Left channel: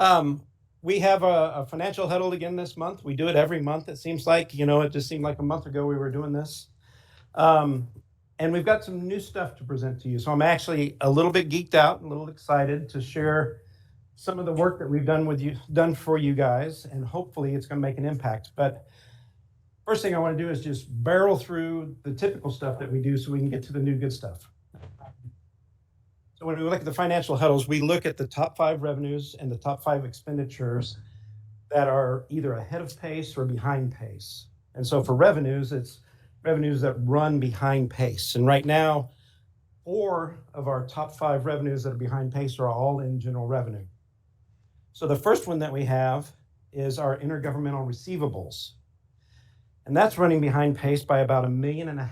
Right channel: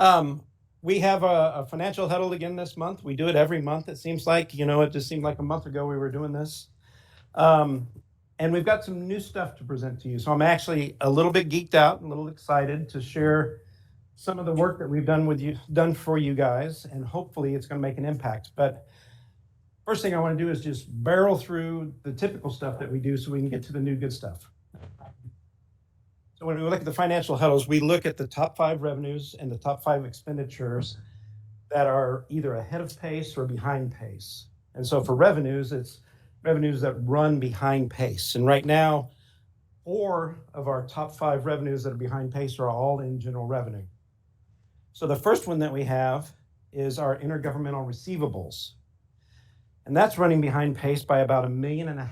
Um, we have a financial huddle again this month. We do it every month. It seems like, it just seemed like a month ago we were doing this. Um, and we've got some new stuff to present to you. So I'm actually a little bit geeked out, a little excited to share some of the work that we've done for you guys, and hopefully it's going to make an impact. But first thing I want to do is just barrel through the typical stuff that we do so we can get to the new good stuff. So when we look at the financial huddles, we look at the top 5 revenues and the top 5 expenditures that are either ahead of pace or behind pace. And so for revenues, it's revenues that run behind pace. And right now, 4 of our top 5 revenues that are behind pace are all in general revenue. So the first one that we have is our intergovernmental receivables. And that's running behind pace by about $1.5 million.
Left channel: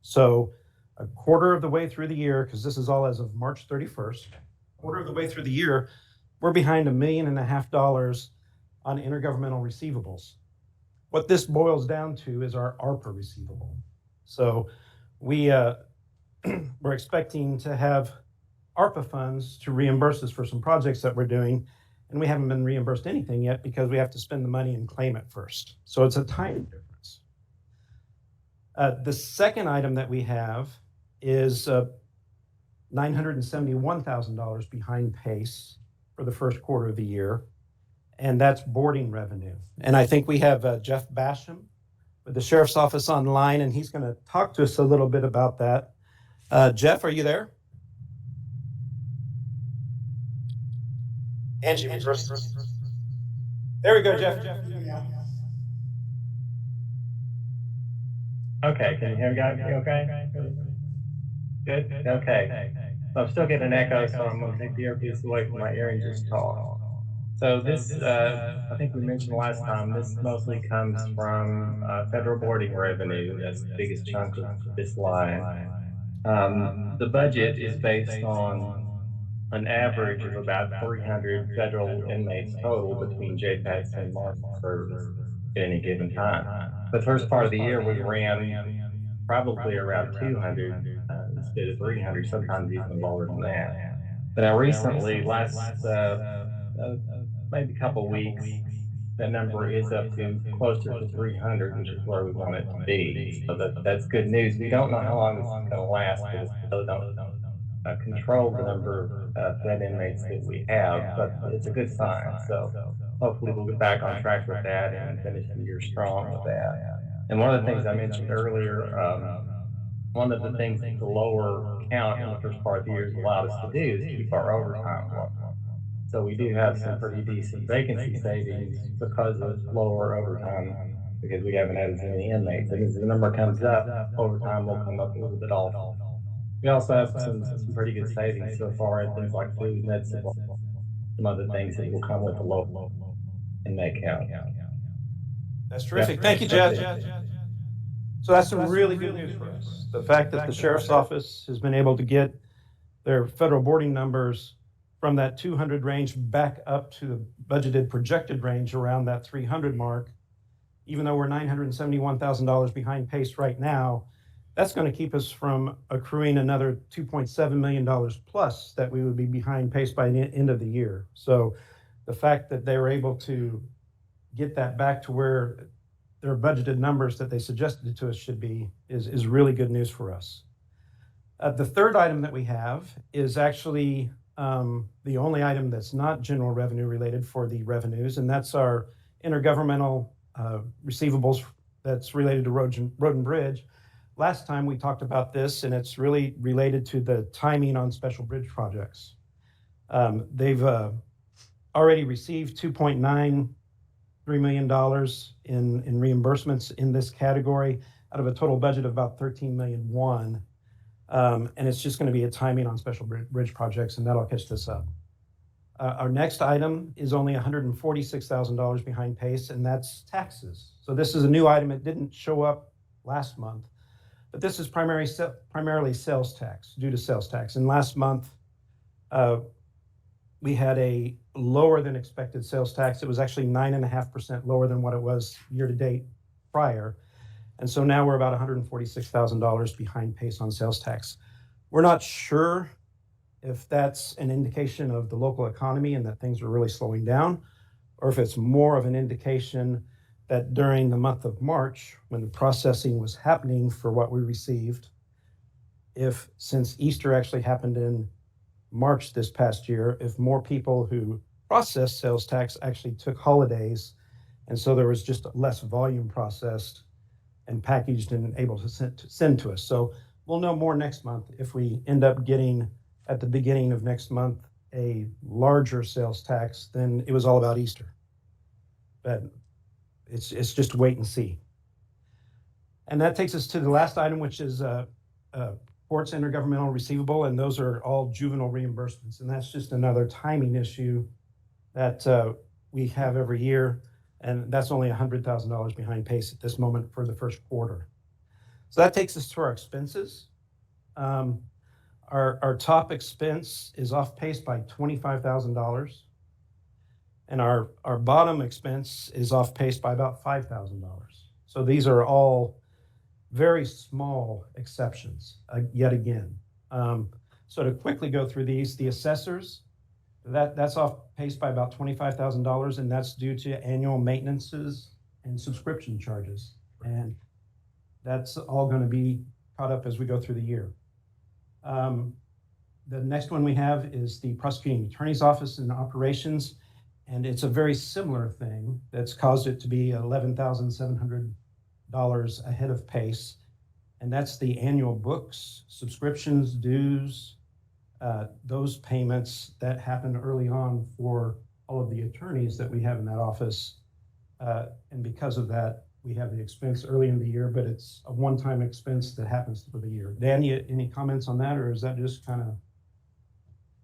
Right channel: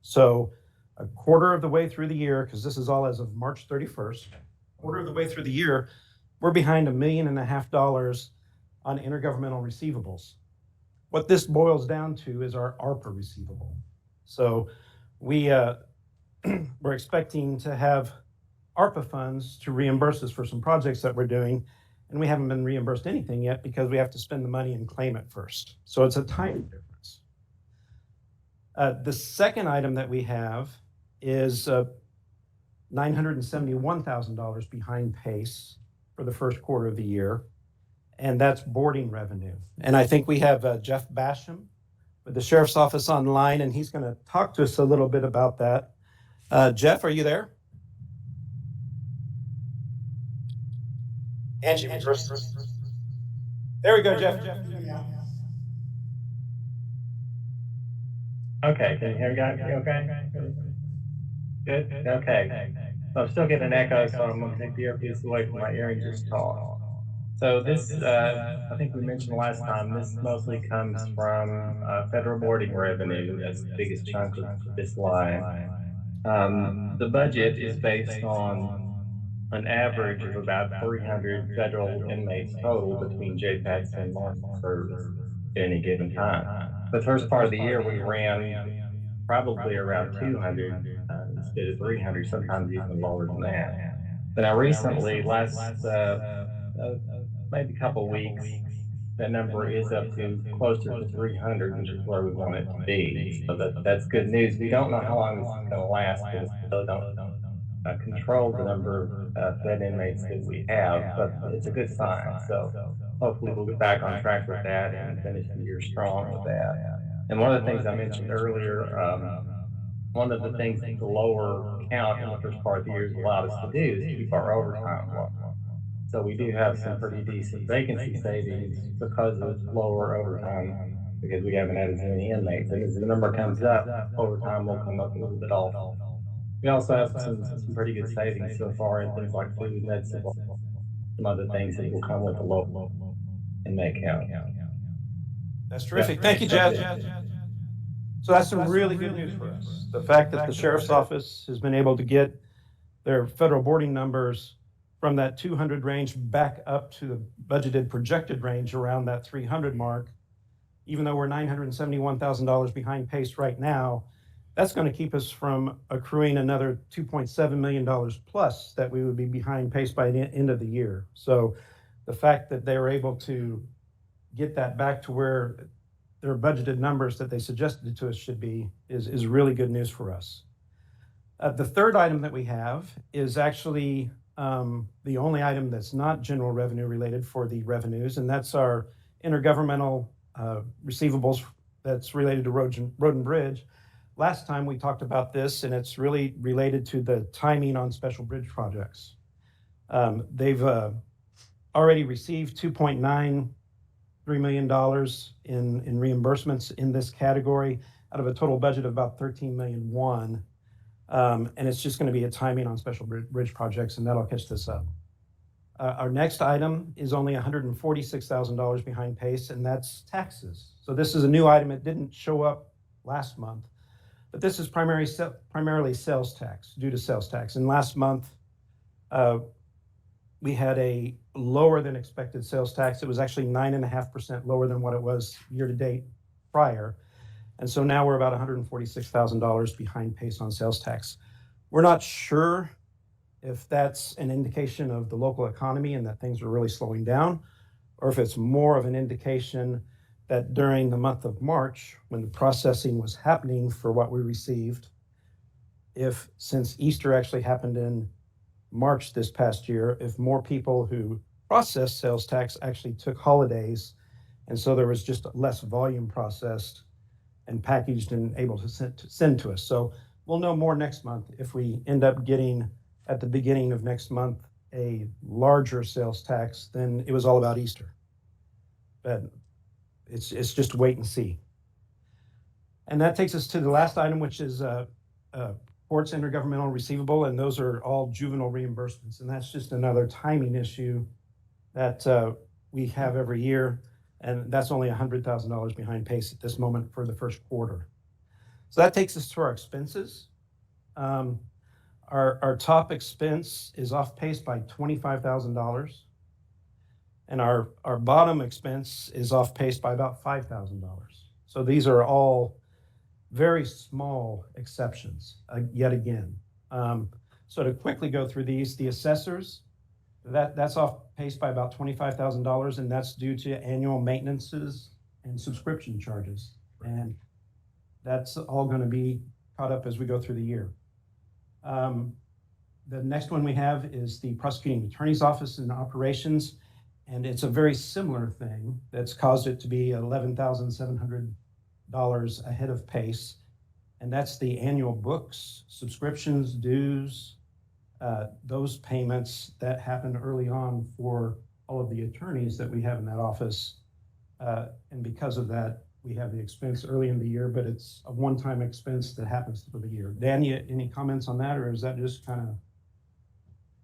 So a quarter of the way through the year, because this is all as of March 31st, quarter of the way through the year, we're behind $1.5 million on intergovernmental receivables. What this boils down to is our ARPA receivable. So we're expecting to have ARPA funds to reimburse us for some projects that we're doing, and we haven't been reimbursed anything yet because we have to spend the money and claim it first. So it's a timing difference. The second item that we have is $971,000 behind pace for the first quarter of the year, and that's boarding revenue. And I think we have Jeff Basham with the Sheriff's Office online, and he's going to talk to us a little bit about that. Jeff, are you there? Angie, first. There we go, Jeff. Okay, can you hear me guys? Okay? Good? Okay. So I'm still getting an echo, so I'm gonna take the earpiece away from my ear and just talk. So this, I think we mentioned last time, this mostly comes from federal boarding revenue. That's the biggest chunk of this line. The budget is based on an average of about 300 federal inmates total between JPATS and Marshal Service at any given time. The first part of the year, we ran probably around 200 instead of 300, sometimes even lower than that. But now recently, last maybe a couple of weeks, that number is up to closer to 300, which is where we want it to be. So that's good news. We don't know how long this is going to last because we still don't control the number of Fed inmates that we have, but it's a good sign. So hopefully we'll get back on track with that and finish the year strong with that. And one of the things I mentioned earlier, one of the things that the lower count in the first part of the year has allowed us to do is keep our overtime low. So we do have some pretty decent vacancy savings because of lower overtime because we haven't had as many inmates. And as the number comes up, overtime will come up a little bit also. We also have some pretty good savings so far in things like food, med supplies, some other things that will come with a low inmate count. That's terrific. Thank you, Jeff. So that's some really good news for us. The fact that the Sheriff's Office has been able to get their federal boarding numbers from that 200 range back up to the budgeted projected range around that 300 mark, even though we're $971,000 behind pace right now, that's going to keep us from accruing another $2.7 million plus that we would be behind pace by the end of the year. So the fact that they were able to get that back to where their budgeted numbers that they suggested to us should be is really good news for us. The third item that we have is actually the only item that's not general revenue related for the revenues, and that's our intergovernmental receivables that's related to Road and Bridge. Last time we talked about this, and it's really related to the timing on special bridge projects. They've already received $2.93 million in reimbursements in this category out of a total budget of about $13.1 million. And it's just going to be a timing on special bridge projects, and that'll catch this up. Our next item is only $146,000 behind pace, and that's taxes. So this is a new item. It didn't show up last month, but this is primarily sales tax, due to sales tax. And last month, we had a lower than expected sales tax. It was actually 9.5% lower than what it was year to date prior. And so now we're about $146,000 behind pace on sales tax. We're not sure if that's an indication of the local economy and that things are really slowing down, or if it's more of an indication that during the month of March, when the processing was happening for what we received, if since Easter actually happened in March this past year, if more people who processed sales tax actually took holidays, and so there was just less volume processed and packaged and able to send to us. So we'll know more next month if we end up getting at the beginning of next month a larger sales tax than it was all about Easter. But it's just wait and see. And that takes us to the last item, which is courts intergovernmental receivable, and those are all juvenile reimbursements. And that's just another timing issue that we have every year. And that's only $100,000 behind pace at this moment for the first quarter. So that takes us to our expenses. Our top expense is off pace by $25,000. And our bottom expense is off pace by about $5,000. So these are all very small exceptions, yet again. So to quickly go through these, the assessors, that's off pace by about $25,000, and that's due to annual maintenances and subscription charges. And that's all going to be caught up as we go through the year. The next one we have is the prosecuting attorney's office and operations, and it's a very similar thing that's caused it to be $11,700 ahead of pace, and that's the annual books, subscriptions, dues, those payments that happened early on for all of the attorneys that we have in that office. And because of that, we have the expense early in the year, but it's a one-time expense that happens for the year. Dan, any comments on that, or is that just kind of?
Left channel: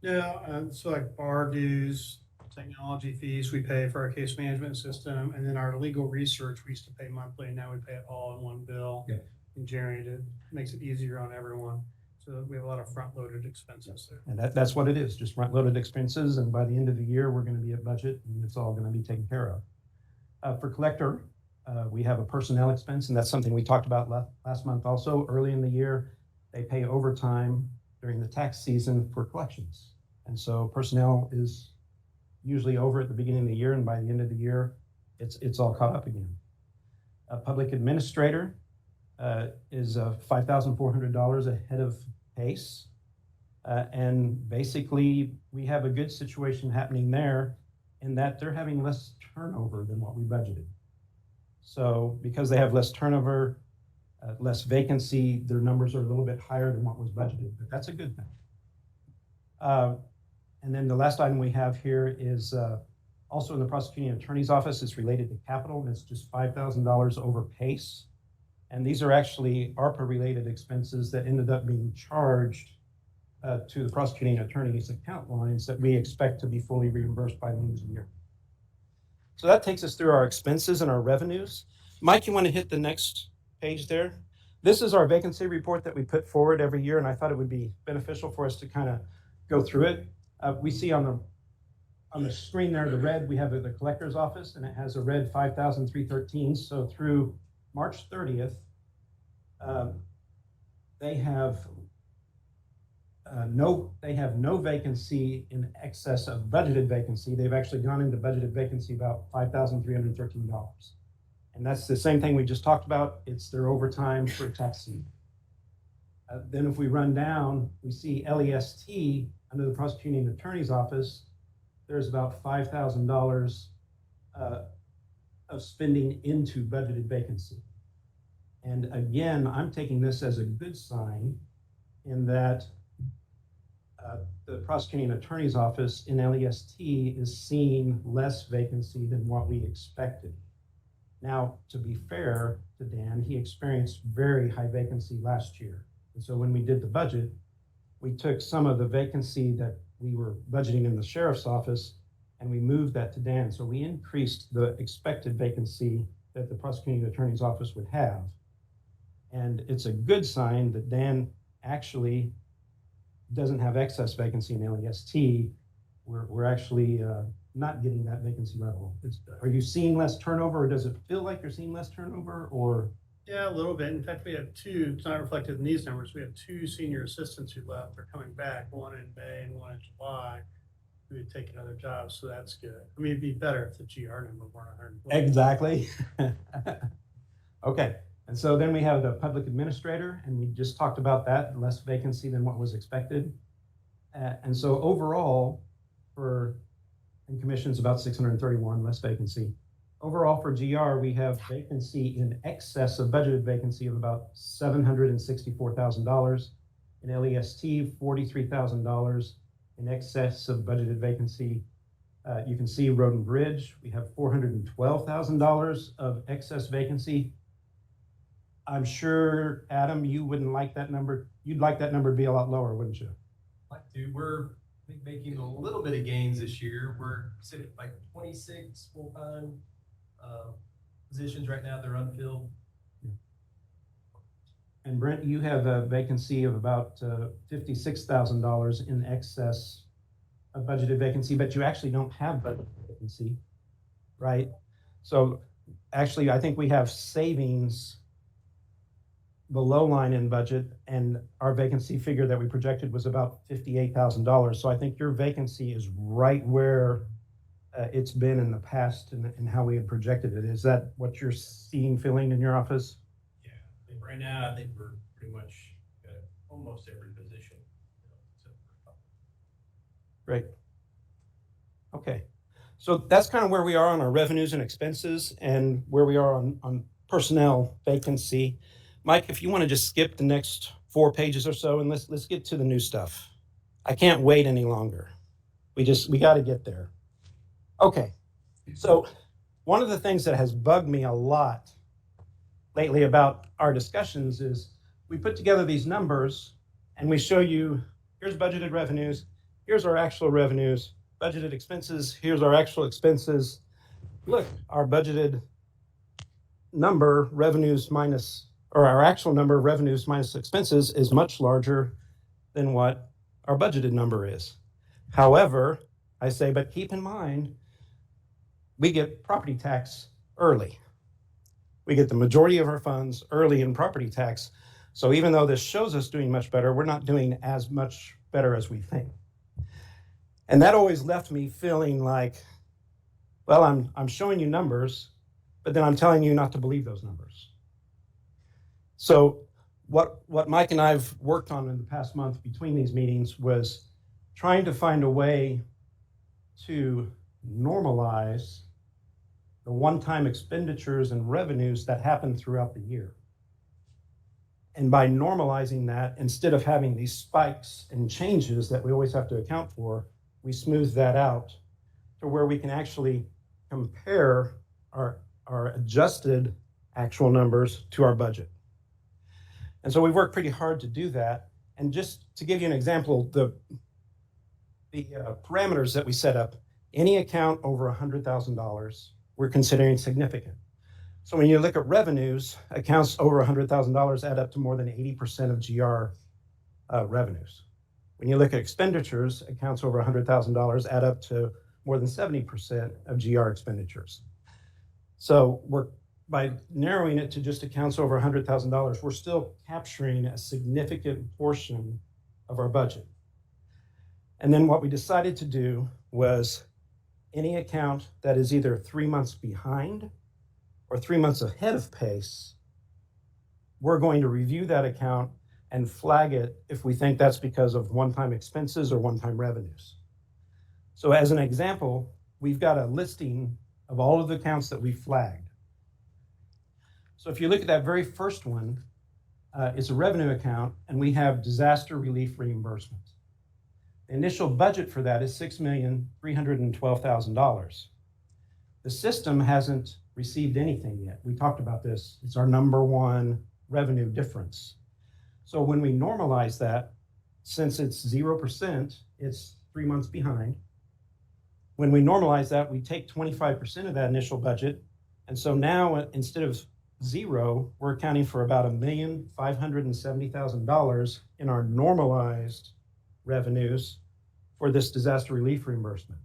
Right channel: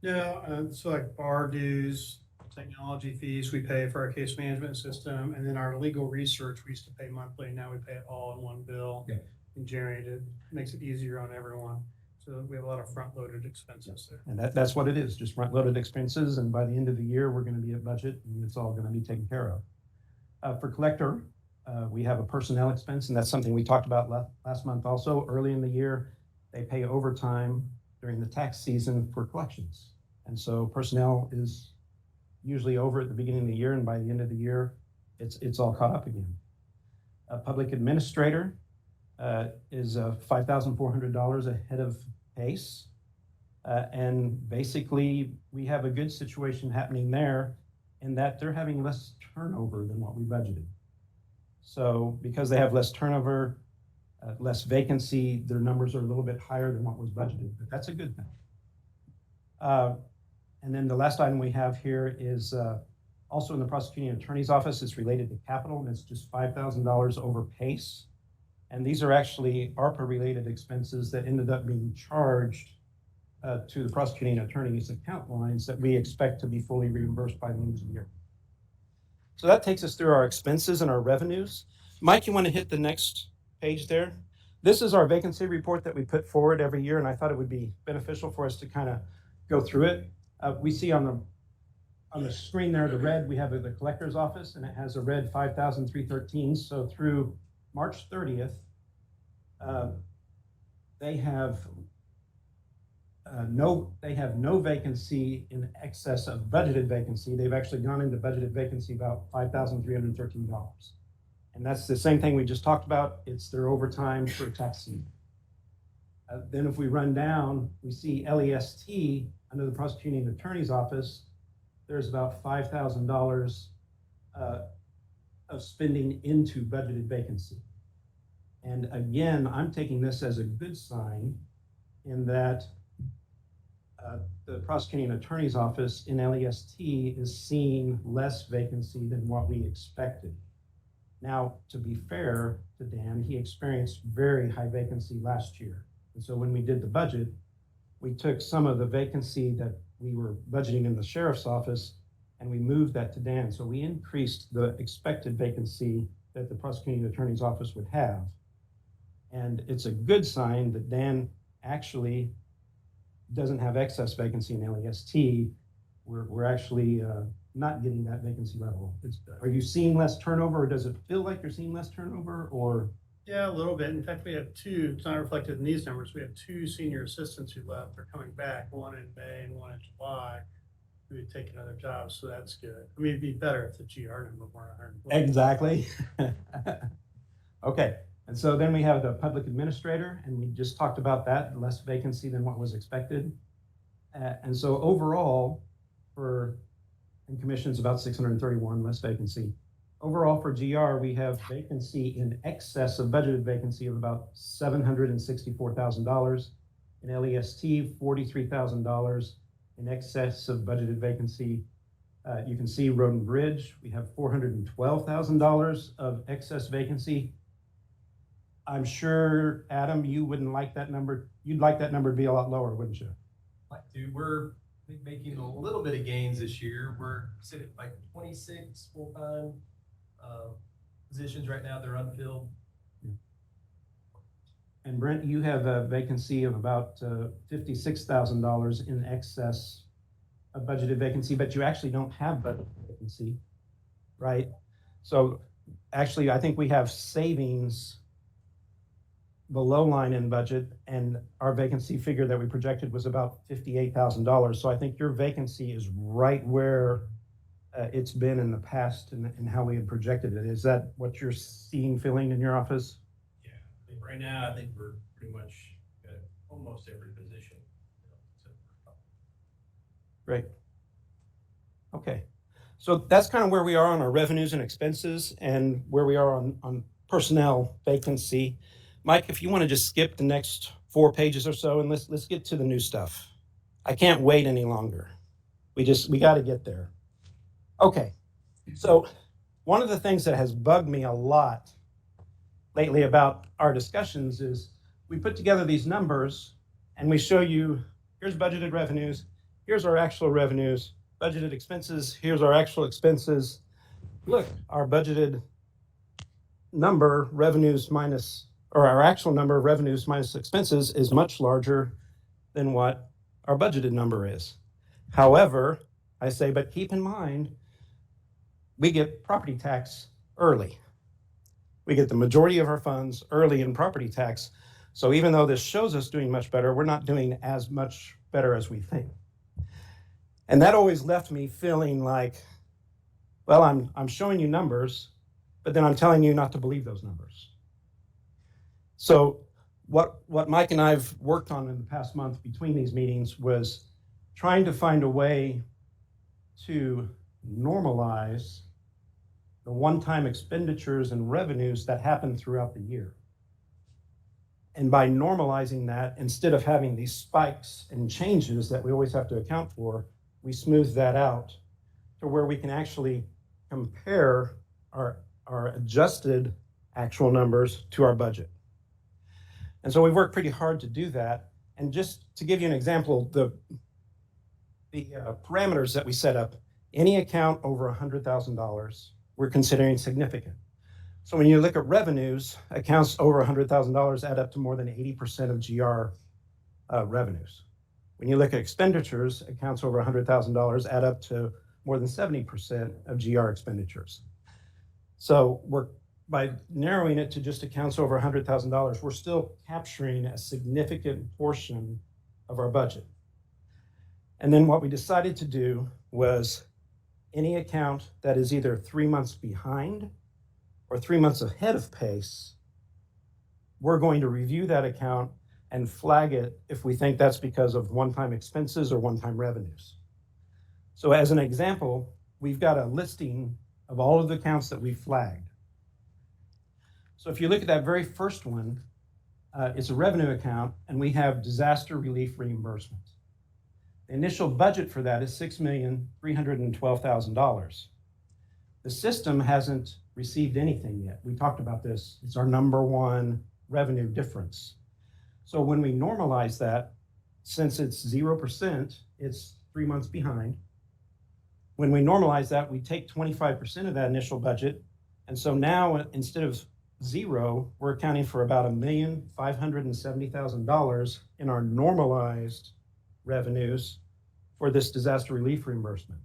Yeah, so like bar dues, technology fees we pay for our case management system, and then our legal research we used to pay monthly, and now we pay it all in one bill. Yeah. And generated, makes it easier on everyone. So we have a lot of front-loaded expenses there. And that's what it is, just front-loaded expenses. And by the end of the year, we're going to be at budget, and it's all going to be taken care of. For collector, we have a personnel expense, and that's something we talked about last month also. Early in the year, they pay overtime during the tax season for collections. And so personnel is usually over at the beginning of the year, and by the end of the year, it's all caught up again. A public administrator is $5,400 ahead of pace. And basically, we have a good situation happening there in that they're having less turnover than what we budgeted. So because they have less turnover, less vacancy, their numbers are a little bit higher than what was budgeted, but that's a good thing. And then the last item we have here is also in the prosecuting attorney's office. It's related to capital, and it's just $5,000 over pace. And these are actually ARPA-related expenses that ended up being charged to the prosecuting attorney's account lines that we expect to be fully reimbursed by the end of the year. So that takes us through our expenses and our revenues. Mike, you want to hit the next page there? This is our vacancy report that we put forward every year, and I thought it would be beneficial for us to kind of go through it. We see on the screen there, the red, we have the collector's office, and it has a red 5,313. So through March 30th, they have no vacancy in excess of budgeted vacancy. They've actually gone into budgeted vacancy about $5,313. And that's the same thing we just talked about. It's their overtime for tax season. Then if we run down, we see LEST under the prosecuting attorney's office, there's about $5,000 of spending into budgeted vacancy. And again, I'm taking this as a good sign in that the prosecuting attorney's office in LEST is seeing less vacancy than what we expected. Now, to be fair to Dan, he experienced very high vacancy last year. And so when we did the budget, we took some of the vacancy that we were budgeting in the sheriff's office and we moved that to Dan. So we increased the expected vacancy that the prosecuting attorney's office would have. And it's a good sign that Dan actually doesn't have excess vacancy in LEST. We're actually not getting that vacancy level. Are you seeing less turnover, or does it feel like you're seeing less turnover, or? Yeah, a little bit. In fact, we have two, it's not reflected in these numbers. We have two senior assistants who left. They're coming back, one in May and one in July, who would take another job. So that's good. I mean, it'd be better if the GR number weren't 100. Exactly. Okay, and so then we have the public administrator, and we just talked about that, less vacancy than what was expected. And so overall, for, in commissions, about 631, less vacancy. Overall for GR, we have vacancy in excess of budgeted vacancy of about $764,000. In LEST, $43,000 in excess of budgeted vacancy. You can see Road and Bridge, we have $412,000 of excess vacancy. I'm sure, Adam, you wouldn't like that number. You'd like that number to be a lot lower, wouldn't you? Like to, we're I think making a little bit of gains this year. We're sitting at like 26 full-time positions right now. They're unfilled. And Brent, you have a vacancy of about $56,000 in excess of budgeted vacancy, but you actually don't have budgeted vacancy, right? So actually, I think we have savings below line in budget, and our vacancy figure that we projected was about $58,000. So I think your vacancy is right where it's been in the past and how we had projected it. Is that what you're seeing, feeling in your office? Yeah, I think right now, I think we're pretty much at almost every position. Great. Okay. So that's kind of where we are on our revenues and expenses and where we are on personnel vacancy. Mike, if you want to just skip the next 4 pages or so and let's get to the new stuff. I can't wait any longer. We got to get there. Okay. So one of the things that has bugged me a lot lately about our discussions is we put together these numbers and we show you, here's budgeted revenues, here's our actual revenues, budgeted expenses, here's our actual expenses. Look, our budgeted number, revenues minus, or our actual number of revenues minus expenses is much larger than what our budgeted number is. However, I say, but keep in mind, we get property tax early. We get the majority of our funds early in property tax. So even though this shows us doing much better, we're not doing as much better as we think. And that always left me feeling like, well, I'm showing you numbers, but then I'm telling you not to believe those numbers. So what Mike and I've worked on in the past month between these meetings was trying to find a way to normalize the one-time expenditures and revenues that happen throughout the year. And by normalizing that, instead of having these spikes and changes that we always have to account for, we smooth that out to where we can actually compare our adjusted actual numbers to our budget. And so we've worked pretty hard to do that. And just to give you an example, the parameters that we set up, any account over $100,000, we're considering significant. So when you look at revenues, accounts over $100,000 add up to more than 80% of GR revenues. When you look at expenditures, accounts over $100,000 add up to more than 70% of GR expenditures. So by narrowing it to just accounts over $100,000, we're still capturing a significant portion of our budget. And then what we decided to do was any account that is either 3 months behind or 3 months ahead of pace, we're going to review that account and flag it if we think that's because of one-time expenses or one-time revenues. So as an example, we've got a listing of all of the accounts that we flagged. So if you look at that very first one, it's a revenue account, and we have disaster relief reimbursement. The initial budget for that is $6,312,000. The system hasn't received anything yet. We talked about this. It's our number one revenue difference. So when we normalize that, since it's 0%, it's 3 months behind. When we normalize that, we take 25% of that initial budget. And so now instead of 0, we're accounting for about $1,570,000 in our normalized revenues for this disaster relief reimbursement.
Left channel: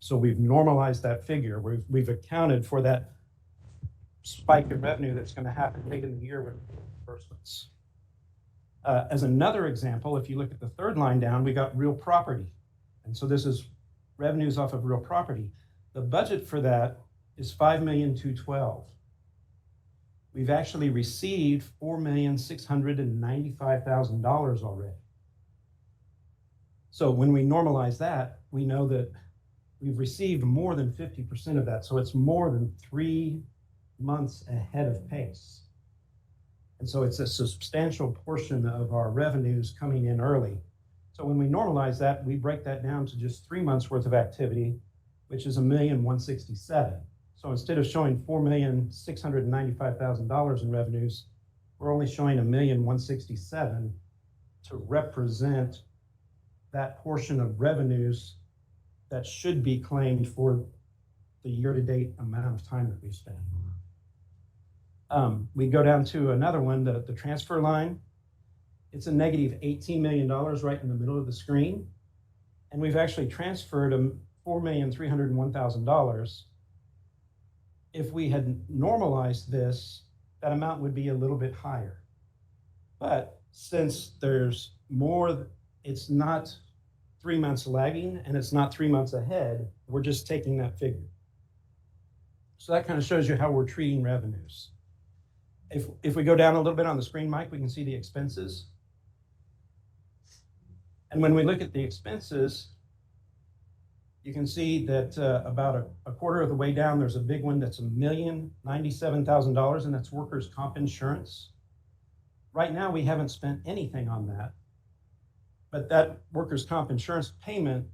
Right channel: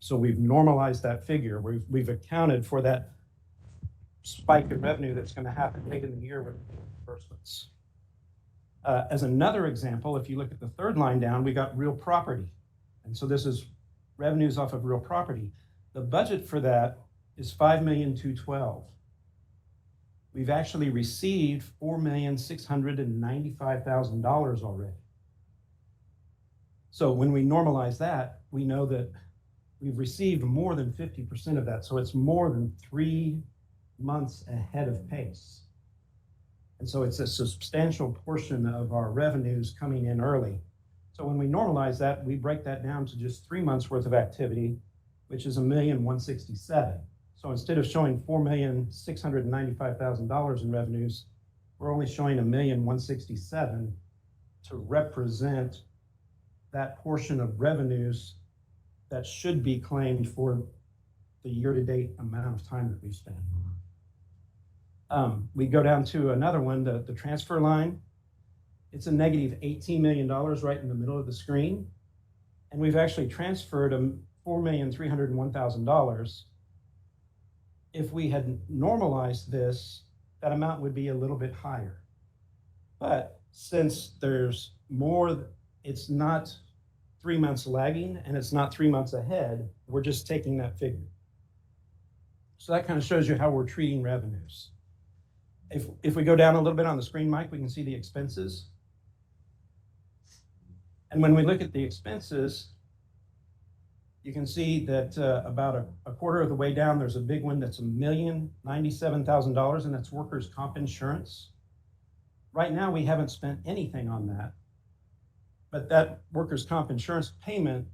So we've normalized that figure. We've accounted for that spike in revenue that's going to happen late in the year with reimbursements. As another example, if you look at the third line down, we got real property. And so this is revenues off of real property. The budget for that is $5,212,000. We've actually received $4,695,000 already. So when we normalize that, we know that we've received more than 50% of that. So it's more than 3 months ahead of pace. And so it's a substantial portion of our revenues coming in early. So when we normalize that, we break that down to just 3 months worth of activity, which is $1,167,000. So instead of showing $4,695,000 in revenues, we're only showing $1,167,000 to represent that portion of revenues that should be claimed for the year-to-date amount of time that we spent. We go down to another one, the transfer line. It's a negative $18 million right in the middle of the screen. And we've actually transferred $4,301,000. If we had normalized this, that amount would be a little bit higher. But since there's more, it's not 3 months lagging and it's not 3 months ahead, we're just taking that figure. So that kind of shows you how we're treating revenues. If we go down a little bit on the screen, Mike, we can see the expenses. And when we look at the expenses, you can see that about a quarter of the way down, there's a big one that's $1,097,000, and that's workers' comp insurance. Right now, we haven't spent anything on that, but that workers' comp insurance payment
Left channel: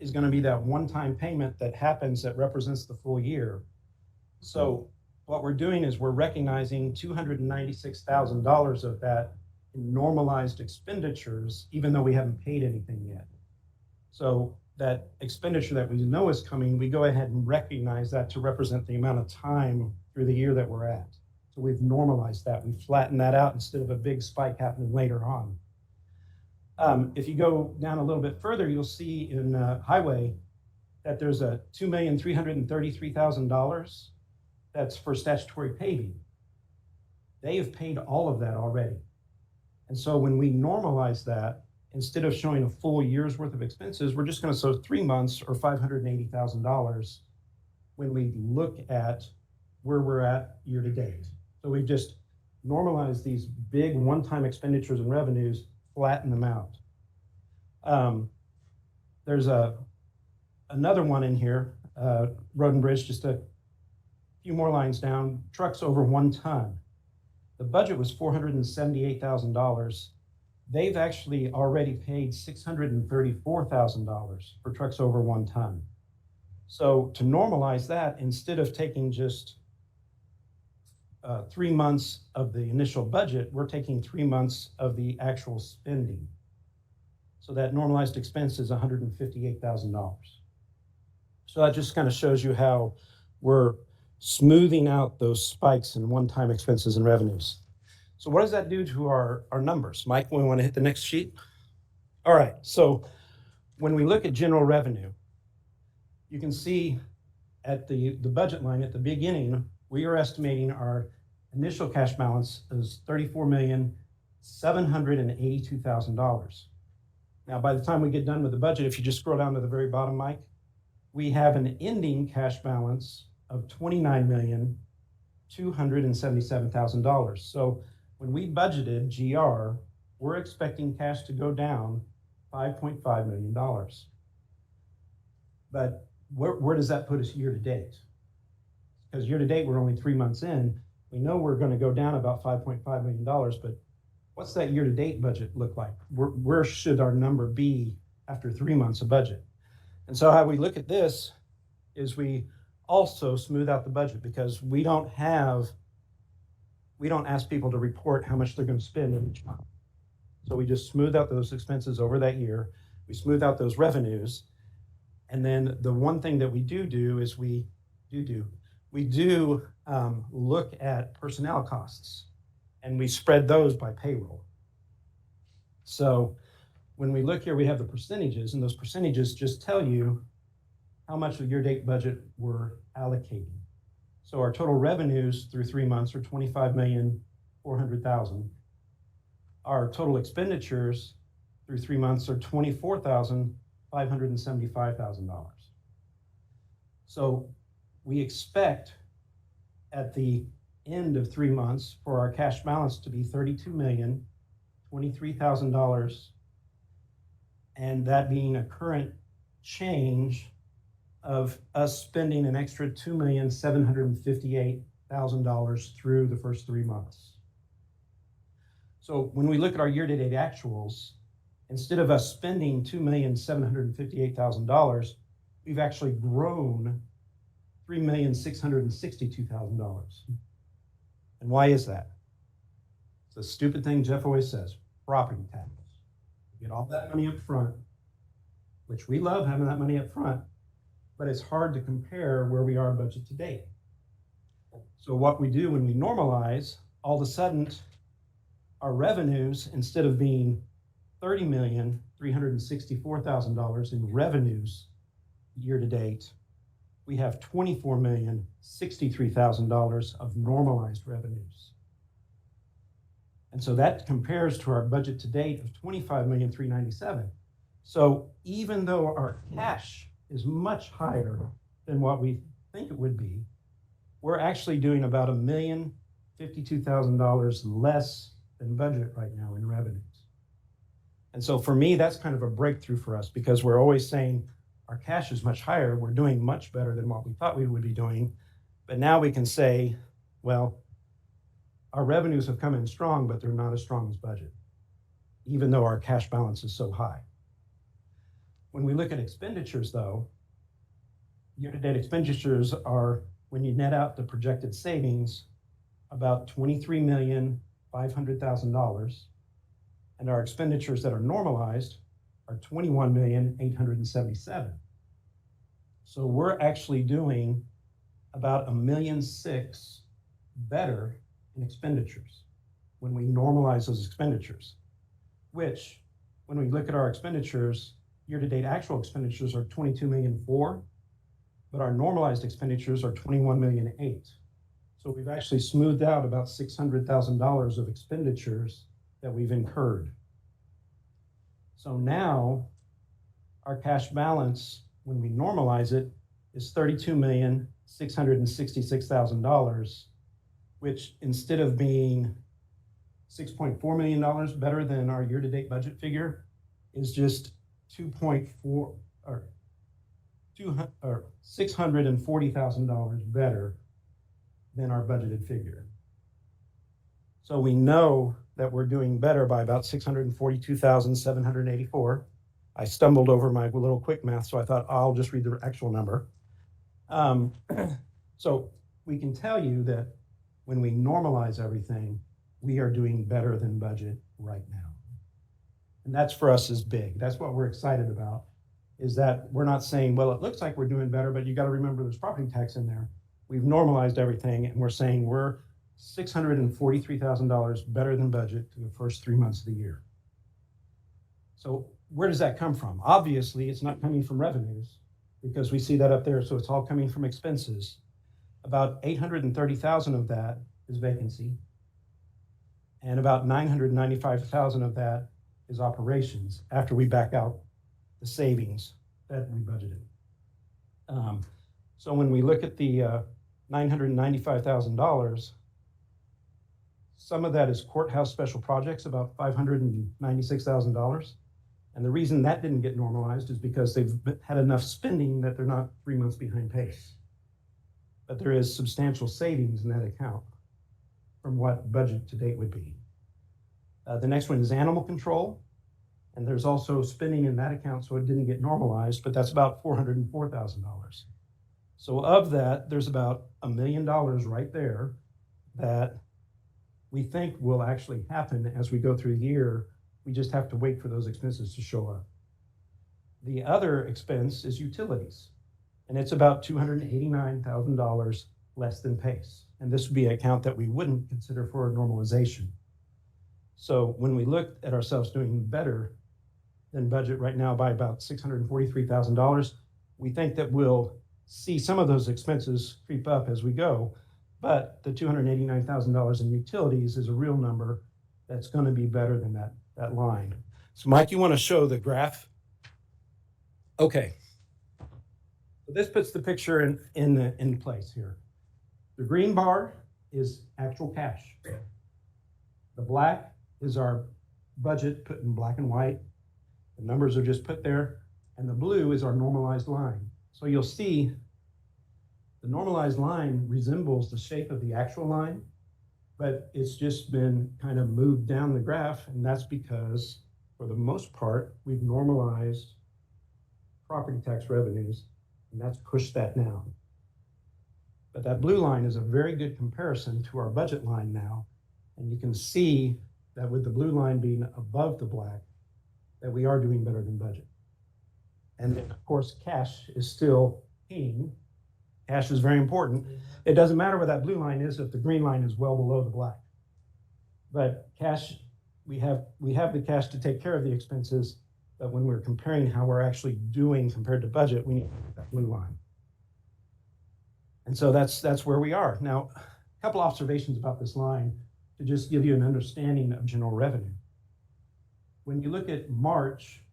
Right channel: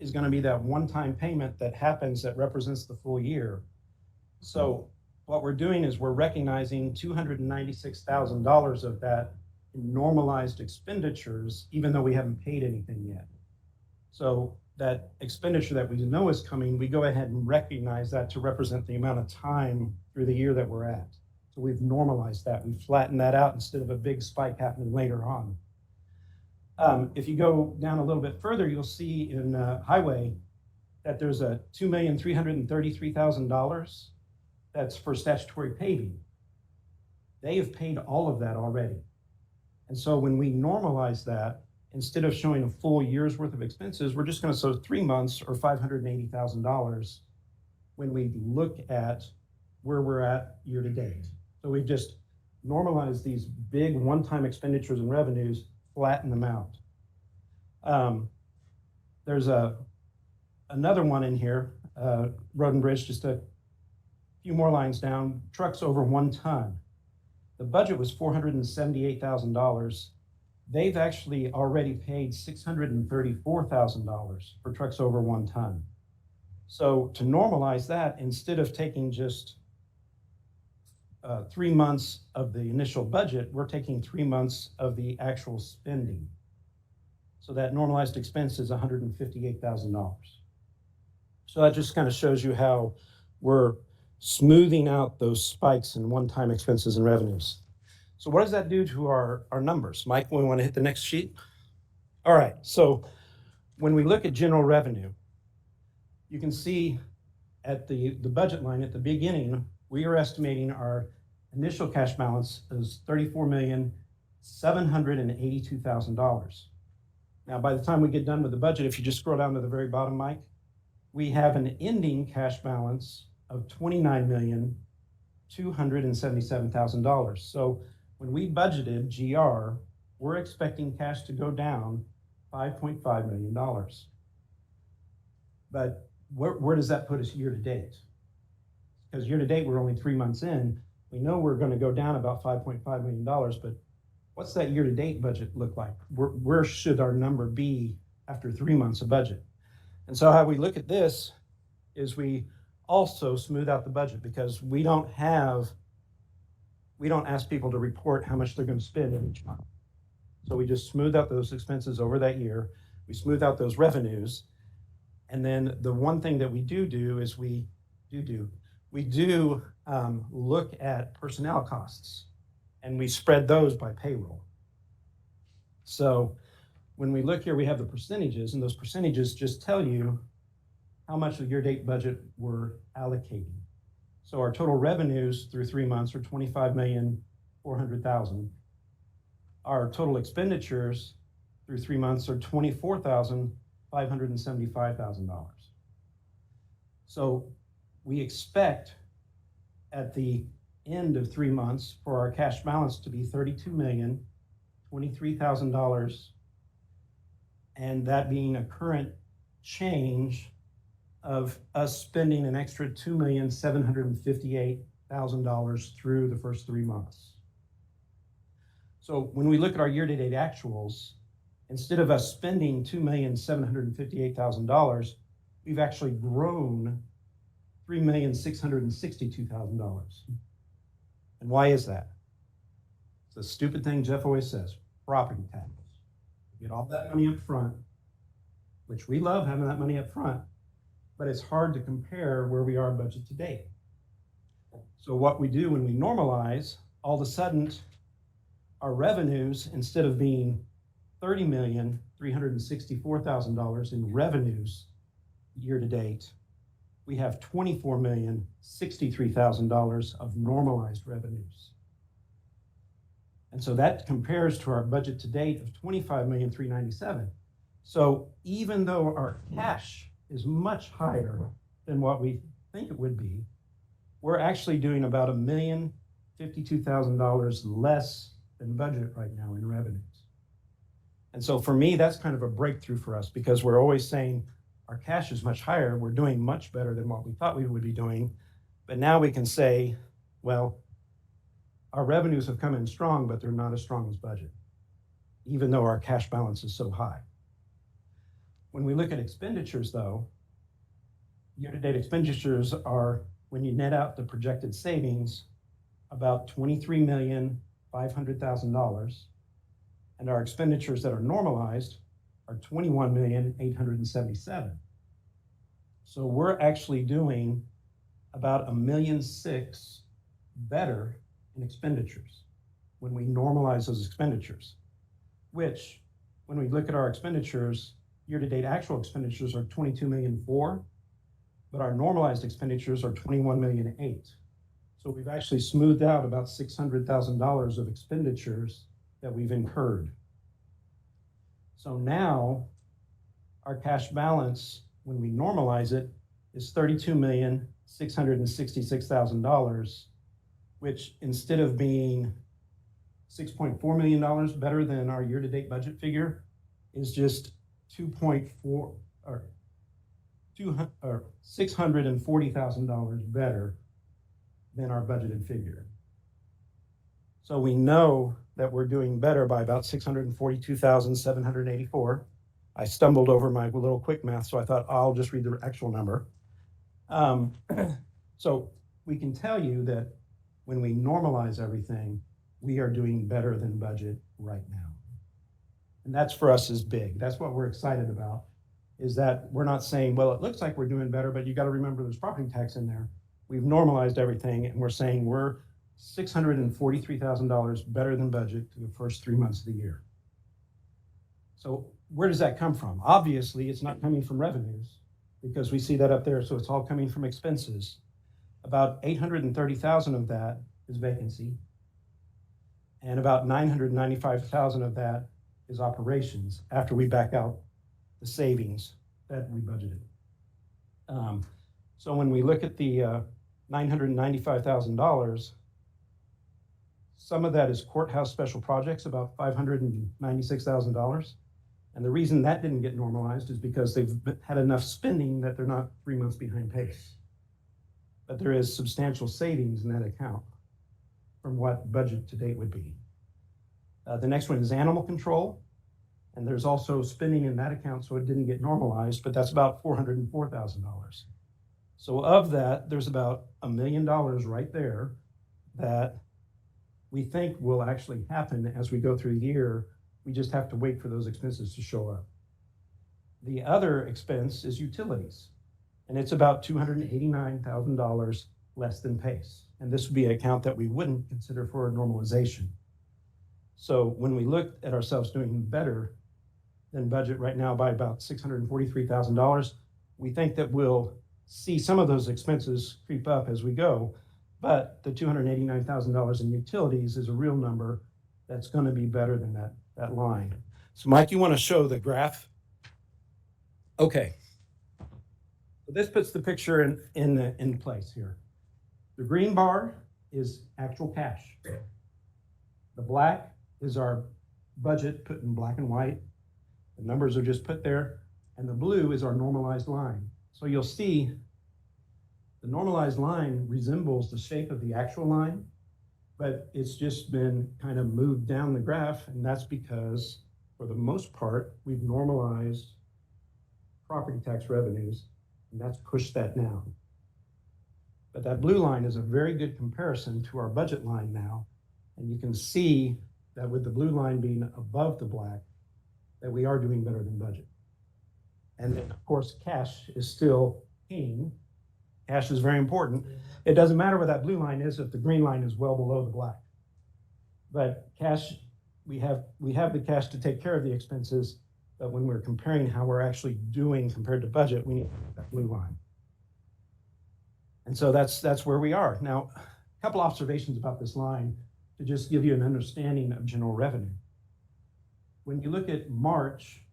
is going to be that one-time payment that happens that represents the full year. So what we're doing is we're recognizing $296,000 of that in normalized expenditures, even though we haven't paid anything yet. So that expenditure that we know is coming, we go ahead and recognize that to represent the amount of time through the year that we're at. So we've normalized that. We've flattened that out instead of a big spike happening later on. If you go down a little bit further, you'll see in highway that there's a $2,333,000 that's for statutory paving. They have paid all of that already. And so when we normalize that, instead of showing a full year's worth of expenses, we're just going to show 3 months or $580,000 when we look at where we're at year to date. So we've just normalized these big one-time expenditures and revenues, flatten them out. There's another one in here, road and bridge, just a few more lines down, trucks over 1 ton. The budget was $478,000. They've actually already paid $634,000 for trucks over 1 ton. So to normalize that, instead of taking just 3 months of the initial budget, we're taking 3 months of the actual spending. So that normalized expense is $158,000. So that just kind of shows you how we're smoothing out those spikes in one-time expenses and revenues. So what does that do to our numbers? Mike, we want to hit the next sheet? All right, so when we look at general revenue, you can see at the budget line at the beginning, we are estimating our initial cash balance is $34,782,000. Now, by the time we get done with the budget, if you just scroll down to the very bottom, Mike, we have an ending cash balance of $29,277,000. So when we budgeted GR, we're expecting cash to go down $5.5 million. But where does that put us year to date? Because year to date, we're only 3 months in. We know we're going to go down about $5.5 million, but what's that year to date budget look like? Where should our number be after 3 months of budget? And so how we look at this is we also smooth out the budget, because we don't ask people to report how much they're going to spend in each month. So we just smooth out those expenses over that year. We smooth out those revenues. And then the one thing that we do is we look at personnel costs, and we spread those by payroll. So when we look here, we have the percentages, and those percentages just tell you how much of your date budget we're allocating. So our total revenues through 3 months are 25,400,000. Our total expenditures through 3 months are $24,575,000. So we expect at the end of 3 months for our cash balance to be $32,023,000, and that being a current change of us spending an extra $2,758,000 through the first 3 months. So when we look at our year-to-date actuals, instead of us spending $2,758,000, we've actually grown $3,662,000. And why is that? It's a stupid thing Jeff always says, property taxes. You get all that money up front, which we love having that money up front, but it's hard to compare where we are budget to date. So what we do when we normalize, all of a sudden, our revenues, instead of being $30,364,000 in revenues year to date, we have $24,063,000 of normalized revenues. And so that compares to our budget to date of $25,397,000. So even though our cash is much higher than what we think it would be, we're actually doing about $1,052,000 less than budget right now in revenues. And so for me, that's kind of a breakthrough for us, because we're always saying our cash is much higher. We're doing much better than what we thought we would be doing. But now we can say, well, our revenues have come in strong, but they're not as strong as budget, even though our cash balance is so high. When we look at expenditures, though, year-to-date expenditures are, when you net out the projected savings, about $23,500,000, and our expenditures that are normalized are $21,877,000. So we're actually doing about $1.6 million better in expenditures when we normalize those expenditures, which, when we look at our expenditures, year-to-date actual expenditures are $22.4 million, but our normalized expenditures are $21.8 million. So we've actually smoothed out about $600,000 of expenditures that we've incurred. So now our cash balance, when we normalize it, is $32,666,000, which, instead of being $6.4 million better than our year-to-date budget figure, is just $640,000 better than our budgeted figure. So we know that we're doing better by about $642,784. I stumbled over my little quick math, so I thought I'll just read the actual number. So we can tell you that when we normalize everything, we are doing better than budget right now. And that's, for us, is big. That's what we're excited about, is that we're not saying, well, it looks like we're doing better, but you got to remember there's property tax in there. We've normalized everything, and we're saying we're $643,000 better than budget for the first 3 months of the year. So where does that come from? Obviously, it's not coming from revenues, because we see that up there, so it's all coming from expenses. About $830,000 of that is vacancy, and about $995,000 of that is operations, after we back out the savings that we budgeted. So when we look at the $995,000, some of that is courthouse special projects, about $596,000. And the reason that didn't get normalized is because they've had enough spending that they're not 3 months behind pace. But there is substantial savings in that account from what budget to date would be. The next one is animal control. And there's also spending in that account, so it didn't get normalized, but that's about $404,000. So of that, there's about $1 million right there that we think will actually happen as we go through the year. We just have to wait for those expenses to show up. The other expense is utilities, and it's about $289,000 less than pace. And this would be an account that we wouldn't consider for a normalization. So when we look at ourselves doing better than budget right now by about $643,000, we think that we'll see some of those expenses creep up as we go. But the $289,000 in utilities is a real number that's going to be better than that line. So Mike, you want to show the graph? Okay. So this puts the picture in place here. The green bar is actual cash. The black is our budget put in black and white. The numbers are just put there. And the blue is our normalized line. So you'll see the normalized line resembles the shape of the actual line, but it's just been kind of moved down the graph. And that's because, for the most part, we've normalized property tax revenues, and that's pushed that down. But that blue line is a very good comparison to our budget line now. And you can see that with the blue line being above the black, that we are doing better than budget. And then, of course, cash is still king. Cash is very important. It doesn't matter where that blue line is if the green line is well below the black. But cash, we have the cash to take care of the expenses, but when we're comparing how we're actually doing compared to budget, we need that blue line. And so that's where we are. Now, a couple observations about this line to just give you an understanding of general revenue. When you look at March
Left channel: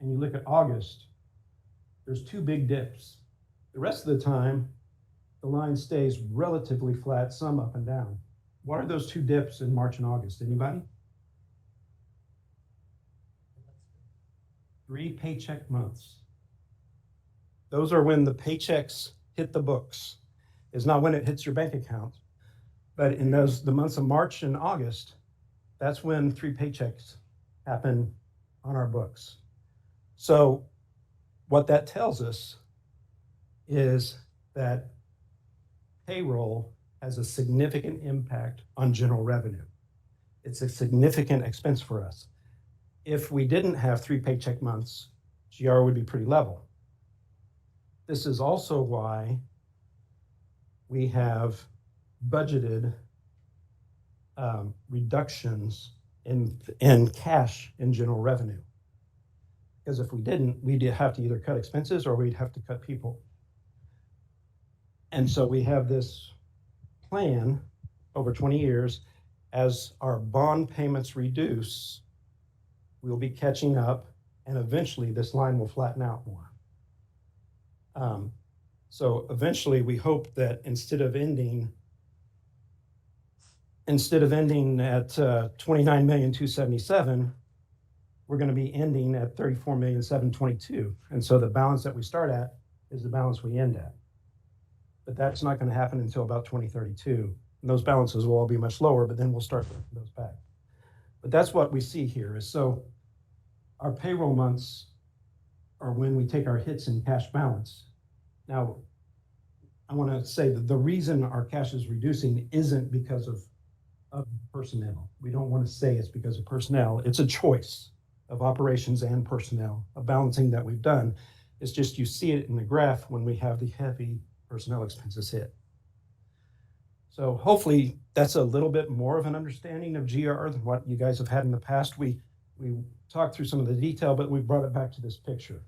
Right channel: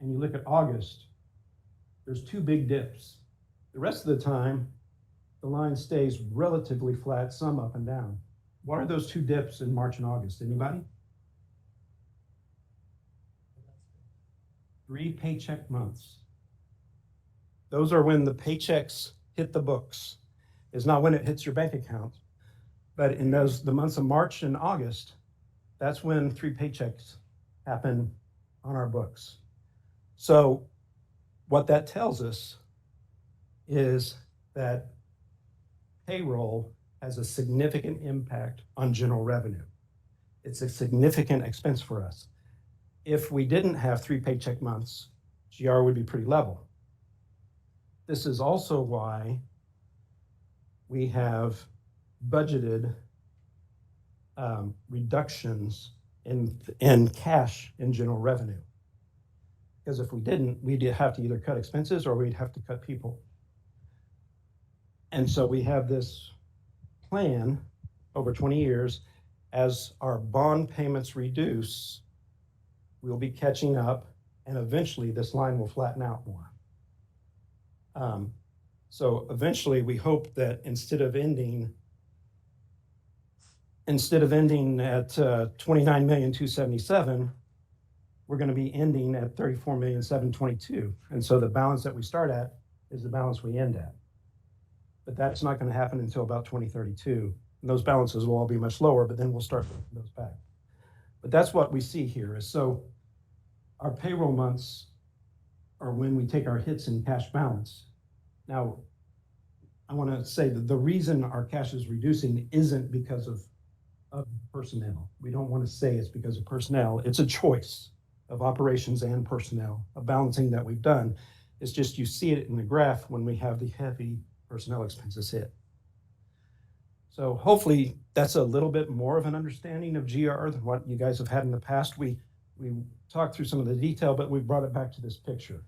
and you look at August, there's two big dips. The rest of the time, the line stays relatively flat, some up and down. What are those two dips in March and August? Anybody? 3 paycheck months. Those are when the paychecks hit the books. It's not when it hits your bank account, but in the months of March and August, that's when 3 paychecks happen on our books. So what that tells us is that payroll has a significant impact on general revenue. It's a significant expense for us. If we didn't have 3 paycheck months, GR would be pretty level. This is also why we have budgeted reductions in cash in general revenue. Because if we didn't, we'd have to either cut expenses or we'd have to cut people. And so we have this plan over 20 years. As our bond payments reduce, we'll be catching up, and eventually this line will flatten out more. So eventually we hope that instead of ending at 29,277,000, we're going to be ending at 34,722,000. And so the balance that we start at is the balance we end at. But that's not going to happen until about 2032. And those balances will all be much lower, but then we'll start putting those back. But that's what we see here is, so our payroll months are when we take our hits in cash balance. Now, I want to say that the reason our cash is reducing isn't because of personnel. We don't want to say it's because of personnel. It's a choice of operations and personnel, a balancing that we've done. It's just you see it in the graph when we have the heavy personnel expenses hit. So hopefully that's a little bit more of an understanding of GR than what you guys have had in the past. We talked through some of the detail, but we brought it back to this picture.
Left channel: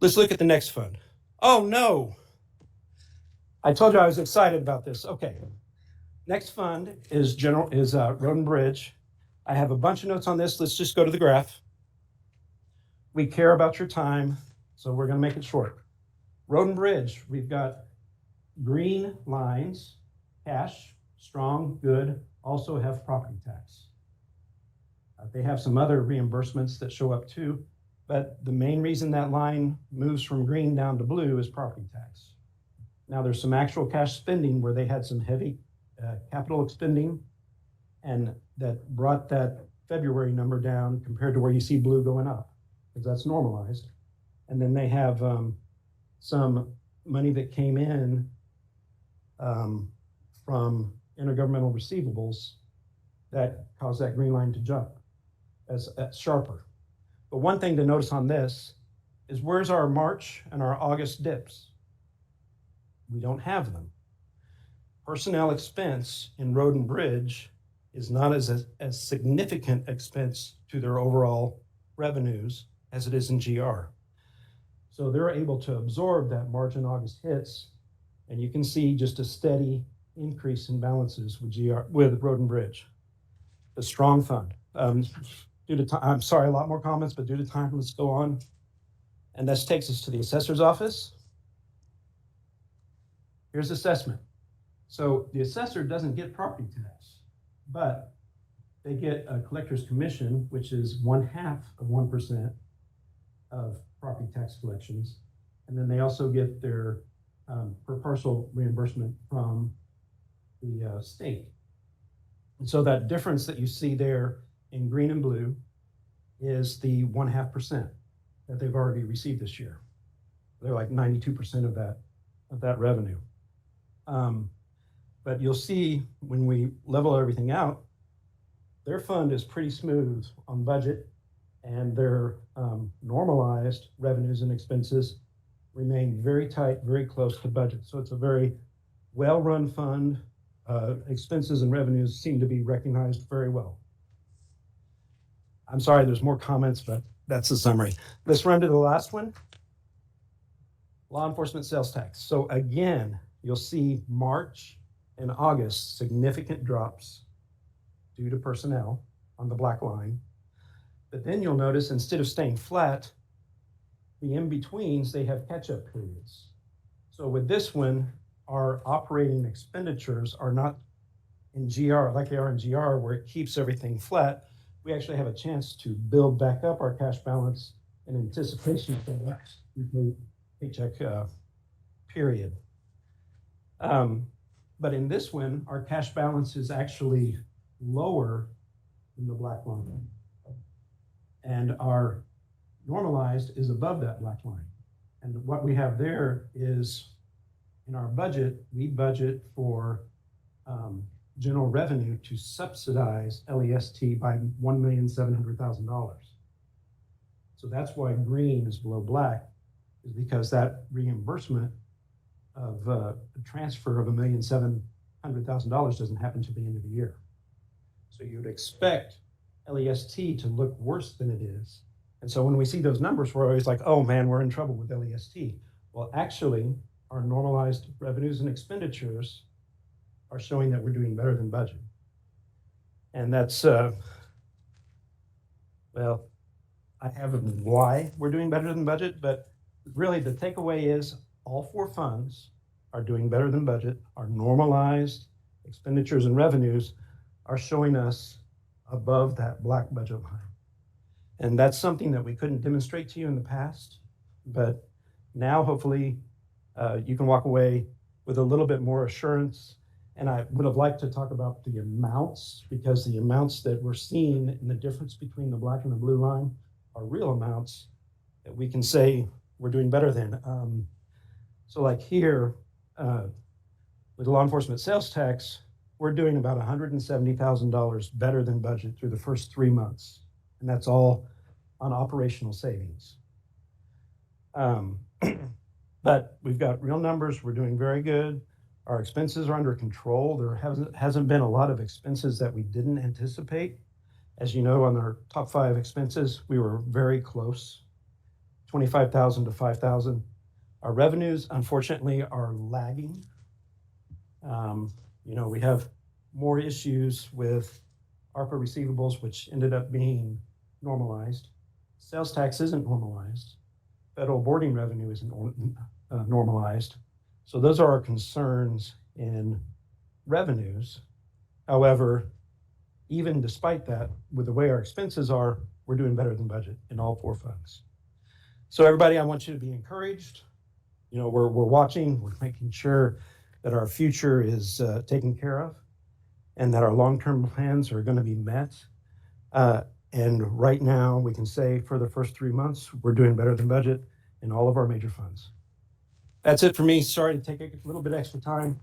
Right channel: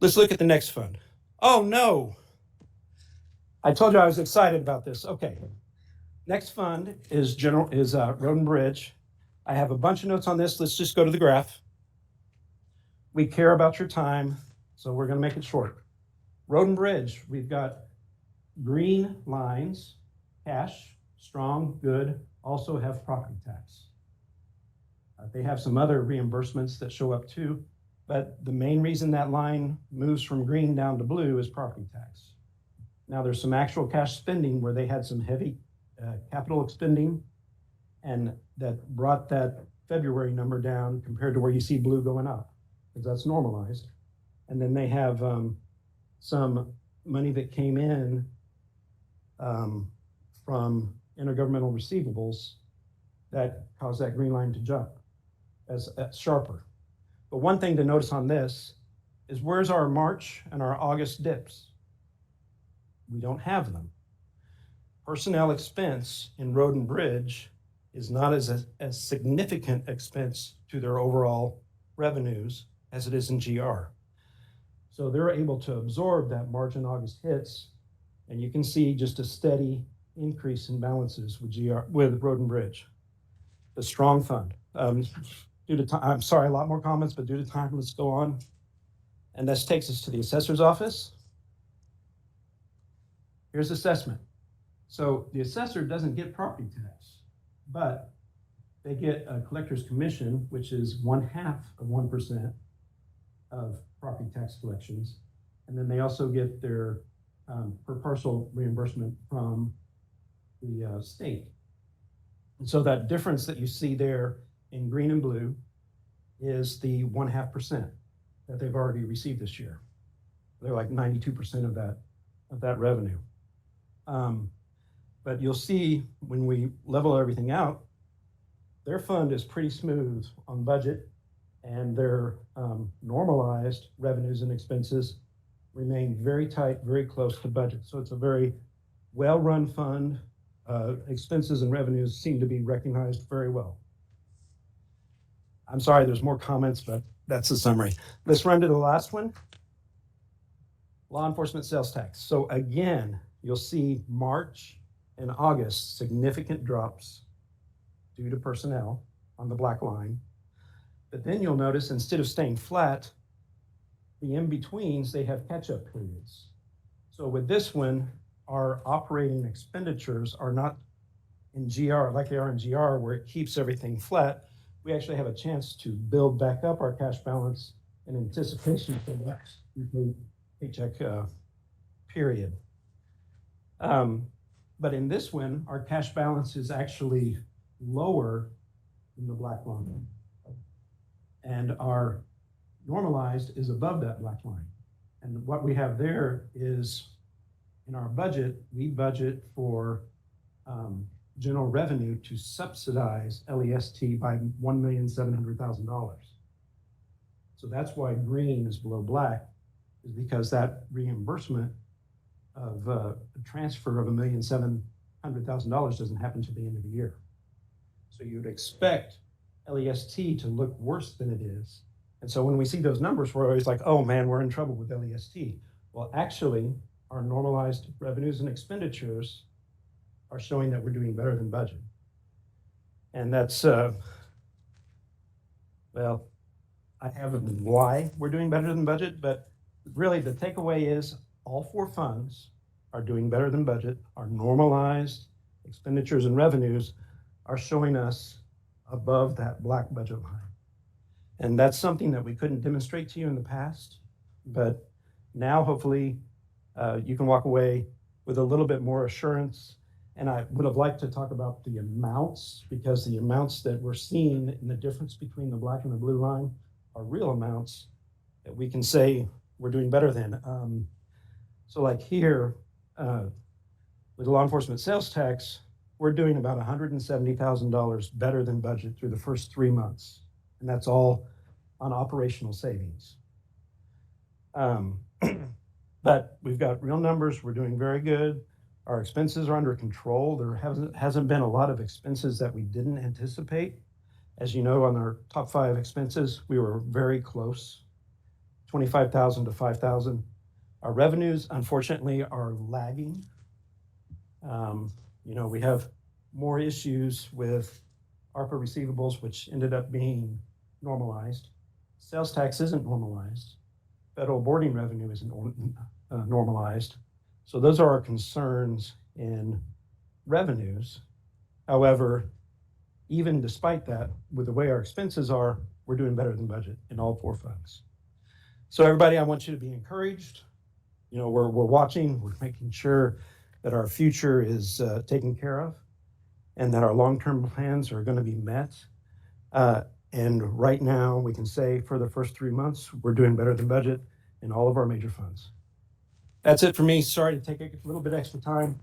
Let's look at the next fund. Oh no, I told you I was excited about this. Okay, next fund is Road and Bridge. I have a bunch of notes on this. Let's just go to the graph. We care about your time, so we're going to make it short. Road and Bridge, we've got green lines, cash, strong, good, also have property tax. They have some other reimbursements that show up too, but the main reason that line moves from green down to blue is property tax. Now there's some actual cash spending where they had some heavy capital expending, and that brought that February number down compared to where you see blue going up, because that's normalized. And then they have some money that came in from intergovernmental receivables that caused that green line to jump as sharper. But one thing to notice on this is, where's our March and our August dips? We don't have them. Personnel expense in Road and Bridge is not as significant expense to their overall revenues as it is in GR. So they're able to absorb that March and August hits And you can see just a steady increase in balances with Road and Bridge. A strong fund. Due to time, I'm sorry, a lot more comments, but due to time, let's go on. And this takes us to the assessor's office. Here's assessment. So the assessor doesn't get property tax, but they get a collector's commission, which is 1/2 of 1% of property tax collections. And then they also get their per parcel reimbursement from the state. And so that difference that you see there in green and blue is the 1/2% that they've already received this year. They're like 92% of that revenue. But you'll see when we level everything out, their fund is pretty smooth on budget, and their normalized revenues and expenses remain very tight, very close to budget. So it's a very well-run fund. Expenses and revenues seem to be recognized very well. I'm sorry, there's more comments, but that's the summary. Let's run to the last one. Law enforcement sales tax. So again, you'll see March and August significant drops due to personnel on the black line. But then you'll notice instead of staying flat, the in-betweens, they have catch-up periods. So with this one, our operating expenditures are not in GR like they are in GR, where it keeps everything flat. We actually have a chance to build back up our cash balance in anticipation for the next paycheck period. But in this one, our cash balance is actually lower than the black line. And our normalized is above that black line. And what we have there is, in our budget, we budget for general revenue to subsidize LEST by $1,700,000. So that's why green is below black, is because that reimbursement of a transfer of $1,700,000 doesn't happen to the end of the year. So you'd expect LEST to look worse than it is. And so when we see those numbers, we're always like, oh man, we're in trouble with LEST. Well, actually, our normalized revenues and expenditures are showing that we're doing better than budget. And that's, well, I have why we're doing better than budget, but really the takeaway is all 4 funds are doing better than budget. Our normalized expenditures and revenues are showing us above that black budget line. And that's something that we couldn't demonstrate to you in the past, but now hopefully you can walk away with a little bit more assurance. And I would have liked to talk about the amounts, because the amounts that we're seeing in the difference between the black and the blue line are real amounts that we can say we're doing better than. So like here, with the law enforcement sales tax, we're doing about $170,000 better than budget through the first 3 months. And that's all on operational savings. But we've got real numbers. We're doing very good. Our expenses are under control. There hasn't been a lot of expenses that we didn't anticipate. As you know, on our top 5 expenses, we were very close, 25,000 to 5,000. Our revenues, unfortunately, are lagging. We have more issues with ARPA receivables, which ended up being normalized. Sales tax isn't normalized. Federal boarding revenue isn't normalized. So those are our concerns in revenues. However, even despite that, with the way our expenses are, we're doing better than budget in all 4 funds. So everybody, I want you to be encouraged. We're watching, we're making sure that our future is taken care of and that our long-term plans are going to be met. And right now, we can say for the first 3 months, we're doing better than budget in all of our major funds. That's it for me. Sorry to take a little bit extra time.